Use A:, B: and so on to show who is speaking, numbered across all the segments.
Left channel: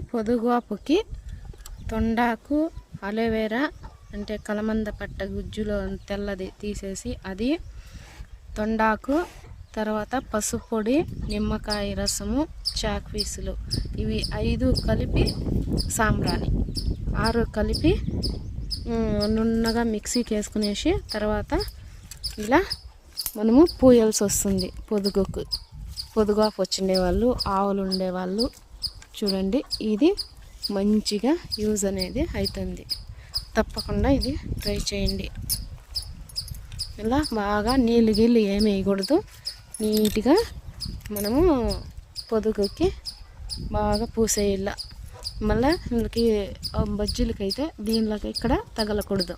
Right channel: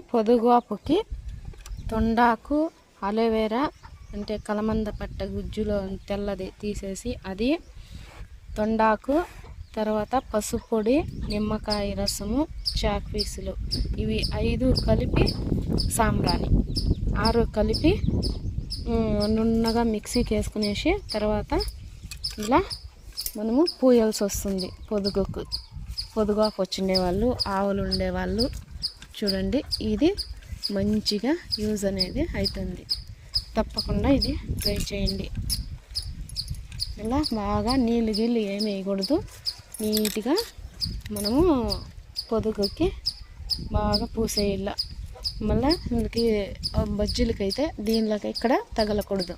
A: పొదుగాపుకి తొండాకు aloe vera అంటే కలమంద పట్ట గుజ్జులో తెల్లది తీసేసి అది తొండాకు తర్వాత పసుపొడి నిమ్మకాయ రసము చాక్ పీసులు. ఇవి ఐదు కలిపి సాంబ్రాణి. ఆరు కలిపి నున్నగా మిక్సీకి వేసుకునేసి తర్వాత ఇలా మనము పూయాల్సి వస్తుంది పొదుగుకు. పొదుగాపు వచ్చిండే వాళ్ళు ఆవులు ఉండేవాళ్ళు చూడండి ఇది మంచిగా యూజ్ అనేది అవుతుంది తప్పకుండా ఇది ట్రై చేయండి. ఇలా బాగా నీళ్ళు గీళ్ళు ఏమి వేయకూడదు. నీట్గా మనము పొదుగుకి బాగా పూసేయాల. మళ్ళీ వీళ్ళకి బజ్జీలకైతే దీనిలోకి ఇక్కడ తగలకూడదు.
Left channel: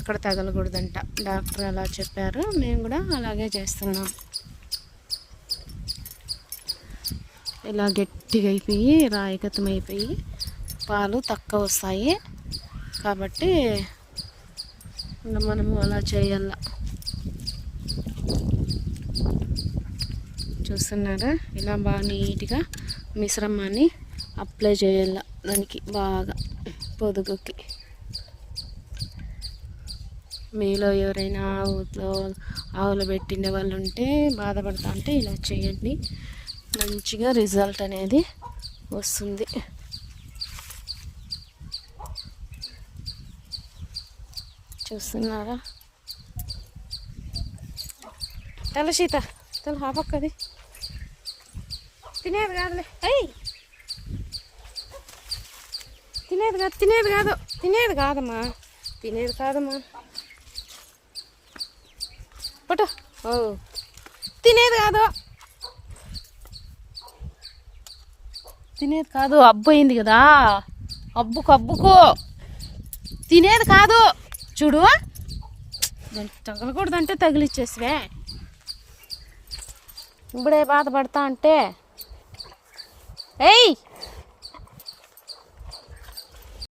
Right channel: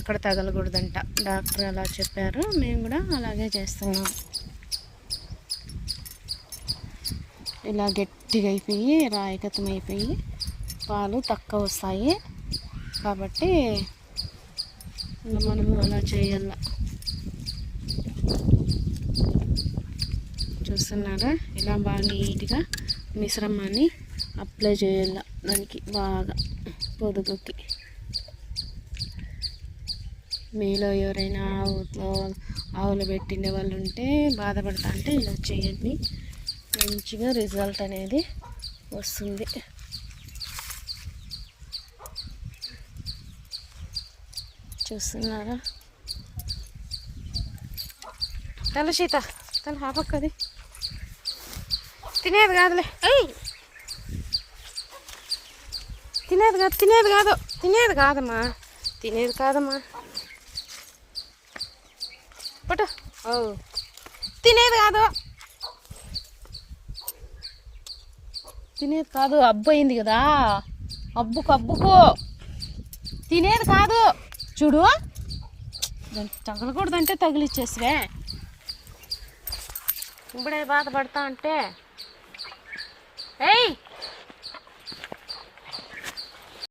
A: ఇక్కడ తగలకూడదంట. డాక్టర్ అలా చెప్పారు. మేము కూడా అలాగే చేస్తున్నాం. ఇలా గట్టిగా అయిపోయి రాయిగతం అయిపోయి పాలు తక్కువ వస్తాయి. కాబట్టి మనము అలా చేయాల. చూస్తున్నారా? ఇలా బాగా నీట్గా మిశ్రమాన్ని అప్లై చేయాల దానికి బాగా పొదుగుకి. మీలో ఎవరైనా ఆవులో ఆవులు పెట్టిండే వాళ్ళు ఉంటే బాధపడతా అంటే ఇలా చేయండి. మంచిగా రిజల్ట్ అనేది వస్తుంది. చూస్తున్నారా? తల సీత తను హాపక్కది తినేది కాదులే. ఏయ్! తినేది కాదు తినేది కాదు తినేది కాదమ్మా. తినేది కాదమ్మా. పట్టు. ఓ. తినేది కాదు. తినేది కాదు అబ్బు అయింది కదా. అబ్బుకు అబ్బుకు. తినేది కాదు. చూడు. తగలకూడదంటే తగిలిచ్చేసివే ఇప్పుడే బాధపడతా అంటే. ఏయ్!